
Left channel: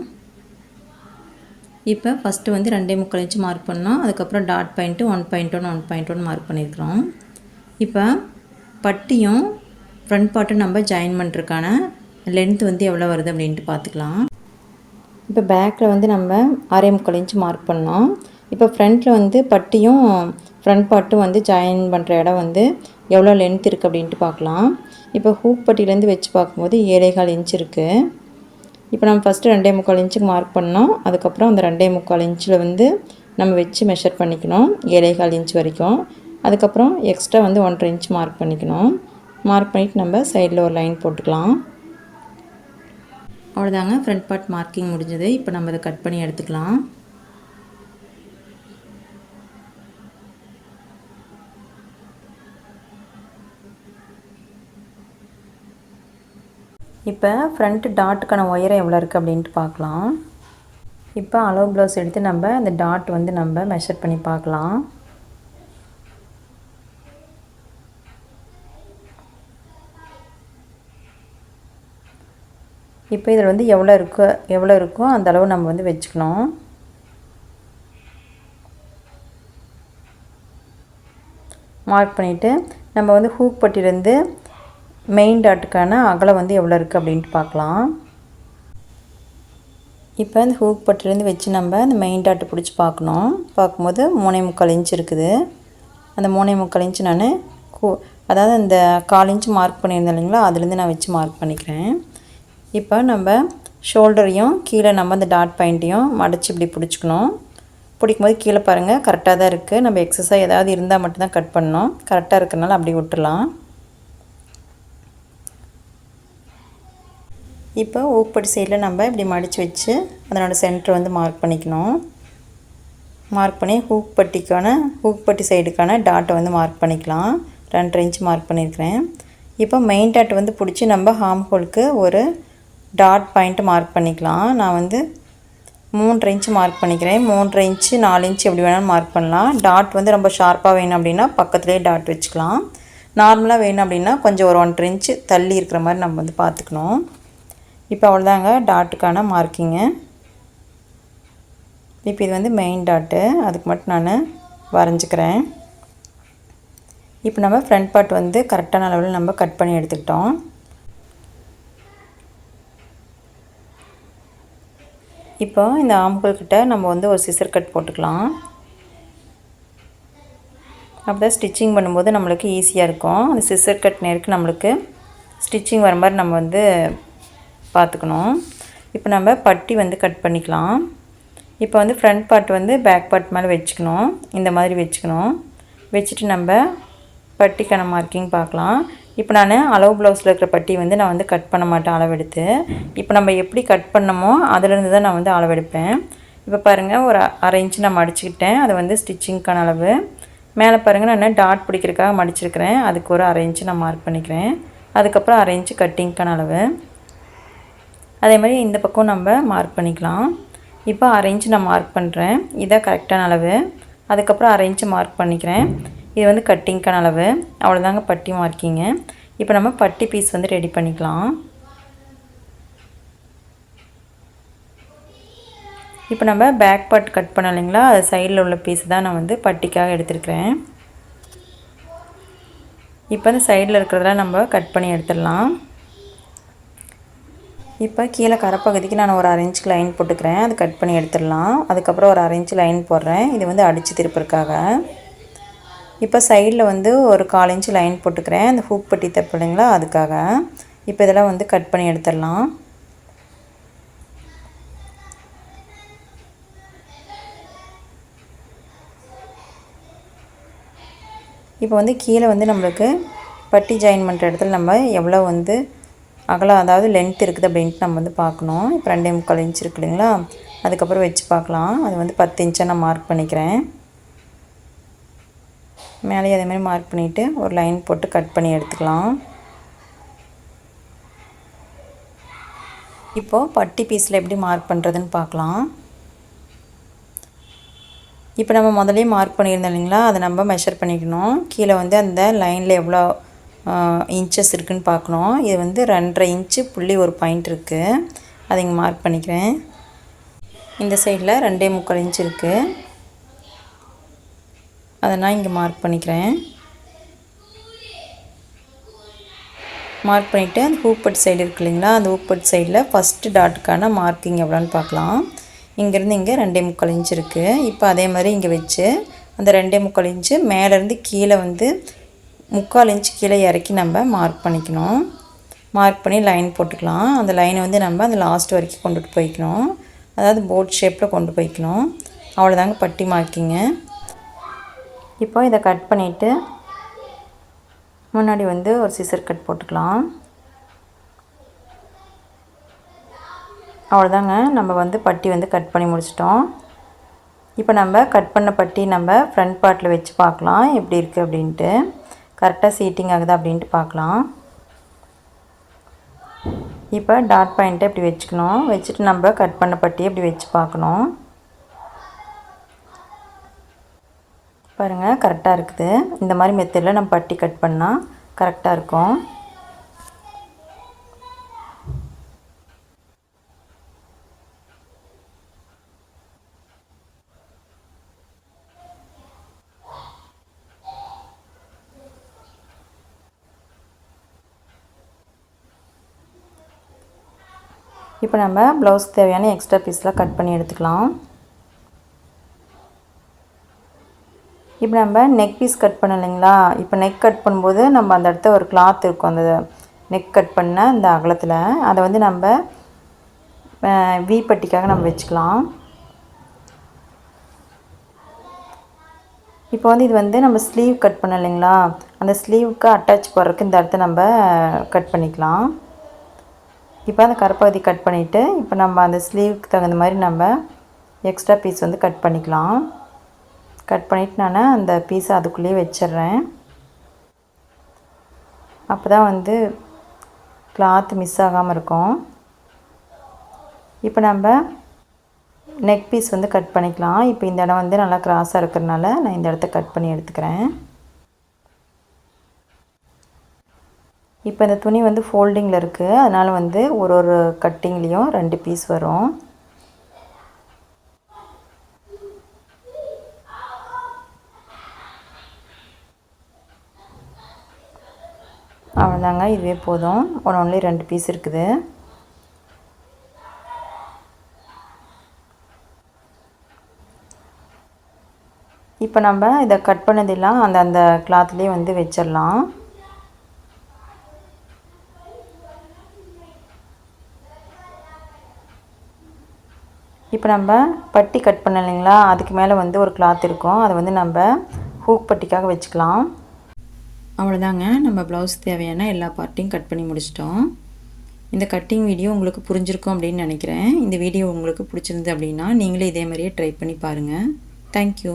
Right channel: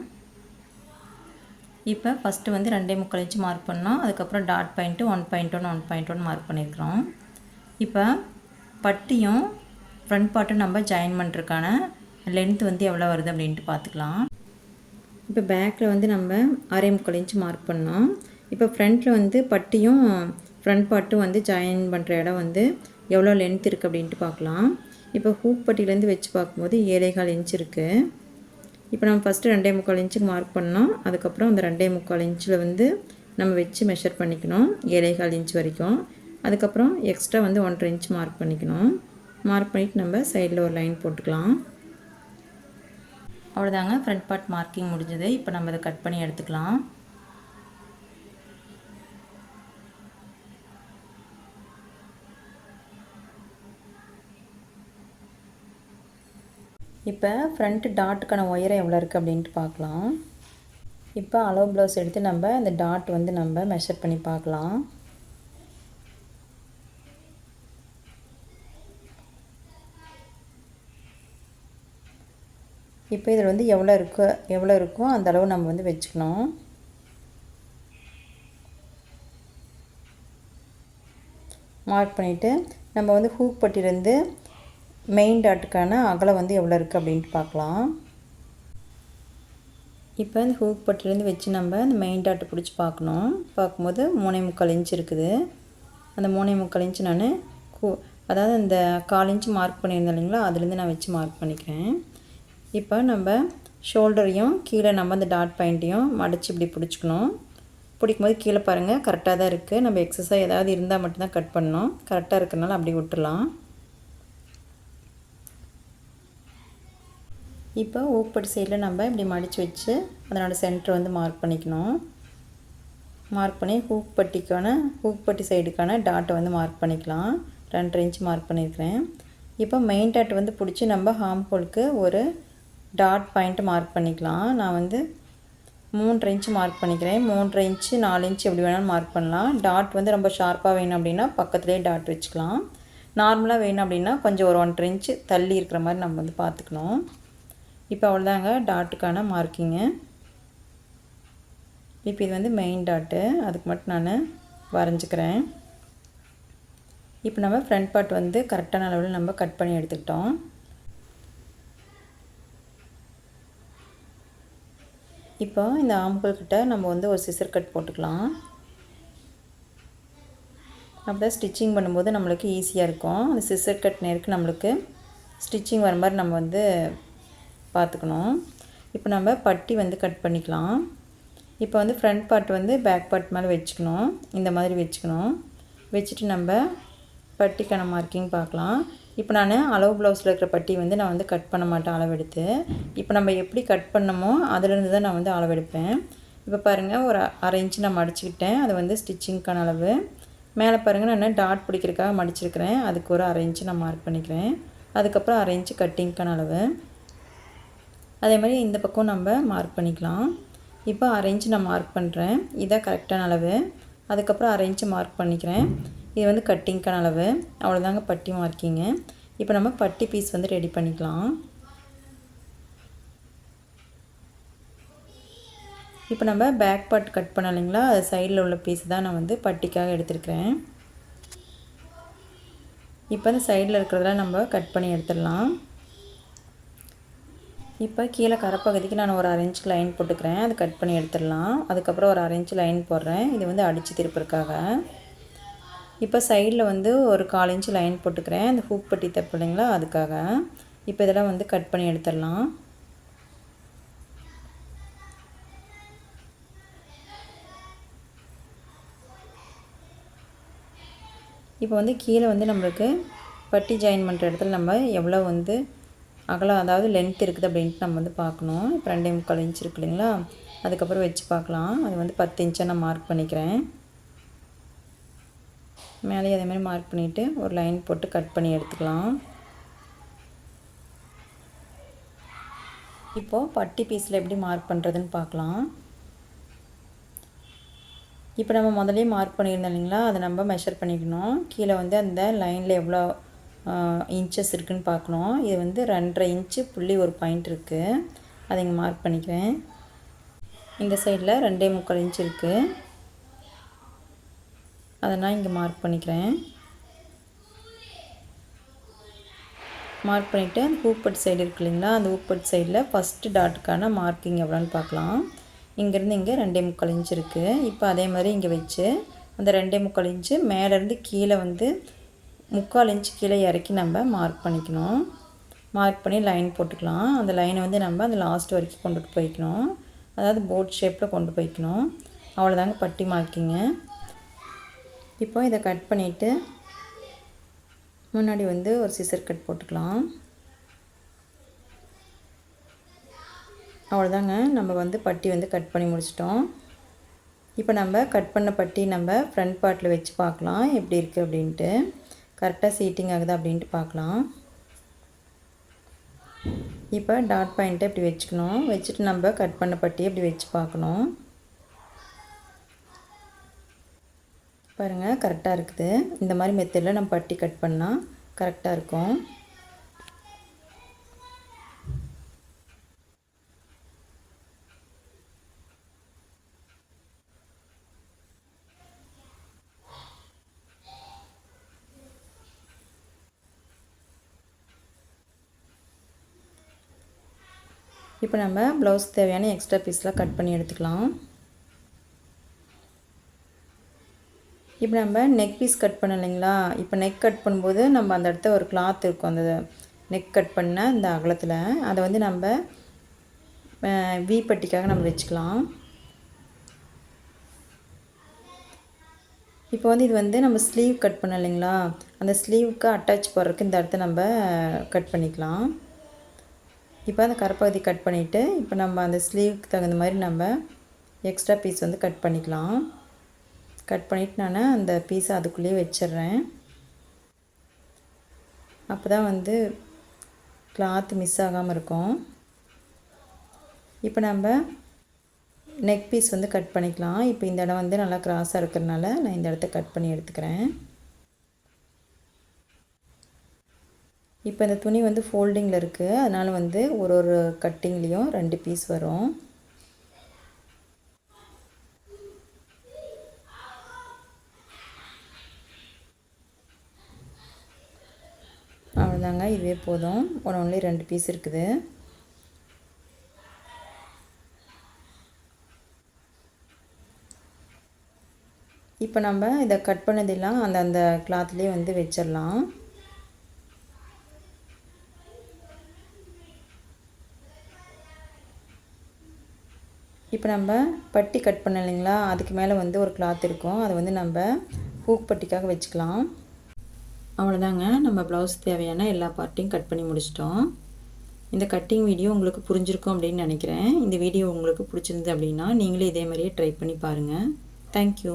இப்போ ஃபஸ்ட்டு வந்து 2.25 இன்ச்சு மார்க் பண்ணோம். அதுக்கப்புறம் டாட் பாயிண்ட்டு 1.1 மார்க் பண்ணியிருக்கிறோம். இப்போ பட்டியும் ஃப்ரண்ட் பார்ட்டும் நம்ம ஜாயின் பண்ணுறதுக்கான லென்த் வந்து எவ்வளோ வருது அப்படின்ட்டு பார்த்துக்கலாம். இப்போ பேக்கில் வந்து நம்ம 6.25 இன்ச்சு மார்க் பண்ணோம். இப்போ ஃப்ரண்ட்டில் வந்து பட்டியும் ஃப்ரண்ட் பார்ட்டும் வந்து ஜாயின் பண்ணுற இடம் வந்து எவ்வளோ லென்த் இருக்குது அப்படின்ட்டு பார்க்கலாம். இப்போ ஹூக் பட்டியிலேருந்து வச்சு பார்க்கும்போது 7.25 இன்ச் இருக்குது. இப்போ நம்ம ஃபஸ்ட்டு 2.25 இன்ச்சுக்கு மார்க் பண்ணோம். அதுக்கப்புறம் அந்த 2.25 இன்ச்சில் வந்து நம்ம வச்சு மெஷர் பண்ணிக்கணும் 7.25 இன்ச் வரைக்கும். அதுக்கப்புறம் எக்ஸ்ட்ரா வந்து 1.5 இன்ச் மார்க் பண்ணிக்கணும். மார்க் பண்ணிவிட்டு நம்ம சைடில் ஒரு லைன் போட்டுக்கலாம். அவ்வளோதாங்க, ஃப்ரண்ட் பார்ட் மார்க்கிங் முடிஞ்சது. இப்போ நம்ம அதை கட் பண்ணி எடுத்துக்கலாம். இப்போ ஃப்ரண்ட்டு டாட்டுக்கான ஒயரம் எவ்வளோ இருக்குது அப்படின்ட்டு பார்க்கலாம். இப்போ அளவு ப்ளவுஸ் எடுத்து நம்ம அந்த டாட் வந்து நம்ம மெஷர் பண்ணி பார்க்கலாம். இப்போ இதில் வந்து எவ்வளோ இருக்கோ அந்த அளவு நம்ம வந்து வச்சுக்கணும். மார்க் பண்ணிவிட்டு நம்ம வந்து ஹூக் பட்டியிலேருந்து மெயின் டாட்டுக்கான அகலம் வந்து எவ்வளோ இருக்குது அப்படின்ட்டு பார்க்கலாம். இப்போ அந்த ஹூக் பட்டிலேருந்து வச்சு நம்ம அந்த மெயின் டாட்டை பிடிச்சி பார்க்கும்போது 3.25 இன்ச் இருக்குது. அந்த 3.25 இன்ச் நான் அதாவது அந்த 1/4 இன்ச் மார்க் பண்ணியிருந்தேன் இல்லைங்களா, அதுலேருந்து நான் வச்சு மார்க் பண்ணிக்கிறேன். இப்போ நம்ம ஷோல்டரையும் கீழே நம்ம அந்த டாட் பாயிண்ட்டையும் மடித்து இப்படி பிடிச்சிக்கணும். பிடிக்கும்போது கீழே பாருங்கள் கரெக்டாக தான் இருக்குது. நம்ம எக்ஸஸாக ஏதாவது இருந்தால் மட்டும்தான் கட் பண்ணணும். கரெக்டாக இருக்கிறனால அப்படி விட்டுடலாம். இப்போ ஊக்குப்பட்டி சைடில் நம்ம இப்படி மடித்து வச்சு அதனோட சென்டர் வந்து மார்க் பண்ணிக்கணும். மார்க் பண்ணி ஹூக் பட்டி சைடுக்கான டாட்டை வந்து மார்க் பண்ணிக்கலாம். 2.5 இன்ச் மார்க் பண்ணியிருக்கிறேன். இப்போ மெயின் டாட் வந்து பிடிச்சி நம்ம ஹார்ம் ஹோலுக்கு ஒரு டாட் பாயிண்ட்டு மார்க் பண்ணிக்கலாம். நான் வந்து 3.5 இன்ச் மார்க் பண்ணிக்கிறேன். 3.5 இன்ச்சு 4 இன்ச்சு எப்படி வேணாலும் மார்க் பண்ணலாம். டாட் வந்து ரொம்ப ஷார்ப்பாக வேணும் அப்படின்னா பக்கத்துலேயே டாட் வச்சுக்கலாம். நார்மலாக வேணும் அப்படின்னா கொஞ்சம் ஒரு 1.5 இன்ச்சு தள்ளி இருக்கிற மாதிரி நம்ம வந்து பார்த்துக்கணும். இப்போ அவ்வளோதாங்க டாட்டுக்கான மார்க்கிங்கு. இப்போ இது வந்து மெயின் டாட்டு, அதுக்கு மட்டும் நான் வரைஞ்சிக்கிறேன். இப்போ நம்ம ஃப்ரண்ட் பார்ட் வந்து கரெக்டான அளவில் நம்ம கட் பண்ணி எடுத்துக்கிட்டோம். இப்போ இந்த ஆம்கோல் கிட்ட நம்ம வந்து ஒரு சிசர் கட் போட்டுக்கலாம். அப்போ தான் ஸ்டிச்சிங் பண்ணும்போது நம்மளுக்கு ஈஸியாக இருக்கும். அந்த சிசர் கட் நேருக்கு நம்மளுக்கு ஸ்டிச்சிங் வர மாதிரி நம்ம வந்து பார்த்துக்கணும். இப்போ நம்ம பட்டி வந்து கட் பண்ணிக்கலாம். இப்போ வந்து ஃப்ரண்ட் பார்ட் வந்து பேக் பார்ட் மேலே வச்சுக்கணும். இந்த மாதிரி வச்சுக்கணும். வச்சுட்டு நம்ம பட்டிக்கான மார்க்கிங் பார்க்கலாம். இப்போ நான் அளவு ப்ளவுஸில் இருக்கிற பட்டி வந்து நான் வந்து கட் பண்ண மாட்டேன் அளவெடுத்து. இப்போ நம்ம எப்படி கட் பண்ணமோ அதிலேருந்து தான் நான் வந்து அளவெடுப்பேன். இப்போ பாருங்கள், ஒரு 1/2 இன்ச்சு நான் மடிச்சுக்கிட்டேன். அது வந்து ஸ்டிச்சிங்க்கான அளவு. மேலே பாருங்கள், நான் டாட் பிடிக்கிறதுக்காக மடிச்சிருக்கிறேன். அதுக்கு ஒரு 1/2 இன்ச்சு நான் மார்க் பண்ணிக்கிறேன். அதுக்கப்புறம் 1/2 இன்ச்சு கட்டிங்க்கான அளவு. அதே மாதிரி இந்த பக்கம் நம்ம மார்க் பண்ணிக்கலாம். இப்போ 1/2 இன்ச்சு நான் மார்க் பண்ணுறேன். இதான் கரெக்டான அளவு. அதுக்கப்புறம் 1/2 இன்ச்சு மார்க் பண்ணிக்கிறேன். இது வந்து கட்டிங்க்கான அளவு. அவ்வளோதாங்க பட்டி மார்க்கிங்கு. இப்போ நம்ம பட்டி பீஸ் வந்து ரெடி பண்ணிக்கலாம். இப்போ நம்ம பேக் பார்ட் கட் பண்ண இல்லைங்களா, அது சைடில் உள்ள பீஸ் தான் நான் வந்து பட்டிக்காக எடுத்துருக்கிறேன். இப்போ அந்த சைடில் இருக்கிறதெல்லாம் நம்ம கட் பண்ணி எடுத்துடலாம். இப்போ கீழே கரைப்பகுதிக்கு நான் ஒரு 1/2 இன்ச்சுக்கு லைன் போட்டுக்கிறேன். அது கட் பண்ணி எடுத்துடலாம். அதுக்கப்புறம் ஒரு 1/2 இன்ச்சு லைன் போடுறேன். இது வந்து அடித்து திருப்புறதுக்காக. இப்போ சைடில் வந்து ஒரு 1/4 இன்ச்சு லைன் போட்டுக்கிறேன். அந்த ஹூக் பட்டி தப்பு இல்லைங்களா, அதுக்காக. இப்போ இதெல்லாம் வந்து கட் பண்ணி எடுத்துடலாம். இப்போ வந்து கீழே வந்து நம்மளுக்கு பட்டி ஜாயின் பண்ணுற இடத்துல நம்ம எவ்வளோ வந்து அகலம், அதாவது லென்த் இருக்குது அப்படின்ட்டு நம்ம வந்து பார்க்கணும். இப்போ 2.25 இன்ச் இருக்கு இல்லைங்களா, அதுக்கப்புறம் வச்சு பார்க்கலாம். அது வந்து 10 இன்ச்சாக நான் மார்க் பண்ணிக்கிறேன். மேலேயே அதேமாதிரி மார்க் பண்ணிவிட்டு ஒரு லைன் போட்டு கட் பண்ணி எடுத்துக்கலாம். இப்போது பட்டி பீஸில் எப்படி மார்க் பண்ணுறதுன்னு பார்க்கலாம். இப்போ நம்ம முதலே மார்க் பண்ணியிருந்தோம் இல்லைங்களா, அதை நம்ம மெஷர் பண்ணிக்கணும். கீழே வந்து அந்த லைனில் எவ்வளோ இன்ச்சஸ் இருக்குதுன்னு பார்க்கணும். இது வந்து 2.5 இன்ச்சு புள்ளி ஒரு பாயிண்ட் இருக்குது. அதை இங்கே மார்க் பண்ணிக்கிறேன். இந்த சைடில் 2.25 இன்ச் இருக்குது. அதை நான் இங்கே மார்க் பண்ணிக்கிறேன். மார்க் பண்ணிவிட்டு அந்த ஹூப்பட் சைடு இருக்கு இல்லைங்களா, அந்த ஹூப்பட் சைடில் ஃபஸ்ட்டு டாட்டுக்கான மார்க்கிங் எவ்வளோன்னு பார்க்கலாம். இங்கேருந்து இங்கே 2.25 இன்ச் இருக்குது. இப்போ அதே மாதிரி இங்கே வச்சு அந்த 2.25 இன்ச்சு மேலேருந்து கீழே வந்து 3/4 இன்ச்சு கீழே இறக்கி நம்ம மார்க் பண்ணிக்கணும். மார்க் பண்ணி லைன் போட்டுக்கலாம். அந்த லைனை வந்து நம்ம அந்த லாஸ்ட் வரைக்கும் கொண்டுட்டு போய்க்கணும். அதாவது போட் ஷேப்பில் கொண்டு போய்க்கணும். அவ்வளோதாங்க பட்டி மார்க்கிங்க. இப்போ இதை கட் பண்ணிவிட்டு முன்னாடி வந்து ஒரு சிசர் கட் போட்டுக்கலாம். அவ்வளோதாங்க, நம்ம வந்து பட்டி வந்து கட் பண்ணி முடிச்சிட்டோம். இப்போ நம்ம கட் பண்ண பட்டி நம்ம ஃப்ரண்ட் பார்ட்டில் வச்சு பார்க்கலாம் எப்படி இருக்குது அப்படின்ட்டு. கரெக்டாக சீட்டிங் ஆகுதா அப்படின்ட்டு பார்க்கலாம். இப்போ டாட் பாயிண்ட்டை இப்படி வச்சுக்கணும். வச்சுட்டு நம்ம கட் பண்ண பட்டியை இப்படி வச்சு பார்க்கணும். பாருங்கள், கரெக்டாக இருக்குது. இந்த மாதிரி மெத்தடில் நம்ம பட்டி கட் பண்ணால் கரெக்டாக இருக்கும். இப்போ நம்ம ப்ளவுஸ்க்கு தேவையான எக்ஸ்ட்ரா பீஸ்லாம் கட் பண்ணி எடுத்துக்கலாம். இப்போ நம்ம நெக் பீஸ் கட் பண்ணோம் இல்லைங்களா, இப்போ நெக் கட் பண்ணும்போது நம்ம அந்த இடத்த ஒரு கிளாத் இருக்கும், அந்த நெக் கட் பண்ண அந்த அகலத்தில் அதை வந்து நம்ம வி பட்டிக்காக நம்ம வச்சுக்கலாம். இப்போ வந்து இது வந்து நம்ம ஸ்லீவ் கட் பண்ணோம் இல்லைங்களா, அந்த ஸ்லீவுக்கு அட்டாச் போடுறதுக்கு இந்த இடத்த நம்ம கட் பண்ணிக்கலாம். இப்போ அந்த கரைப்பகுதி கட் பண்ணிவிட்டு இப்போ நம்ம அந்த ஸ்லீவுக்கு தகுந்த மாதிரி நம்ம எக்ஸ்ட்ரா பீஸ் வந்து கட் பண்ணிக்கலாம். கட் பண்ணிவிட்டு நான் அந்த பீஸை அதுக்குள்ளேயே வச்சிட்றேன். அப்போ தான் வந்து கிளாத் மிஸ் ஆகாமல் இருக்கும். இப்போ நம்ம நெக் பீஸ் வந்து கட் பண்ணிக்கலாம். இப்போ இந்த இடம் வந்து நல்லா கிராஸாக இருக்கிறதுனால நான் இந்த இடத்த கட் பண்ணி எடுத்துக்கிறேன். இப்போ இந்த துணி வந்து ஃபோல்டிங்கில் இருக்குது, அதனால் வந்து ஒரு கட்டிங்லேயும் 2 பீஸ் வரும். அவ்வளோதாங்க, இதுவே போதும். ஒன்லி 2 பீஸ் இருக்குது. இப்போ நம்ம இதை கட் பண்ணதெல்லாம் அந்த கிளாத்லேயே வந்து வச்சிடலாம். இப்போ நம்ம பட்டி கட் பண்ண இல்லைங்களா, அதுக்கு மேலே வந்து ஒரு கிளாத் இருக்கும், அதை வந்து நம்ம ஹூக் பட்டிக்காக வச்சுக்கலாம். அவ்வளோதாங்க, நம்ம ப்ளவுஸ் தேவையான எல்லா பார்ட்டையும் கட் பண்ணி முடிச்சிட்டோம். இந்த கட்டிங் வீடியோ உங்களுக்கு புரிஞ்சிருக்கும் அப்படின்னு நினைக்கிறேன். இந்த வீடியோ உங்களுக்கு பிடிச்சிருந்து அப்படின்னா நீங்களே இதே மாதிரியே ட்ரை பண்ணி பாருங்கள். தேங்க்யூ.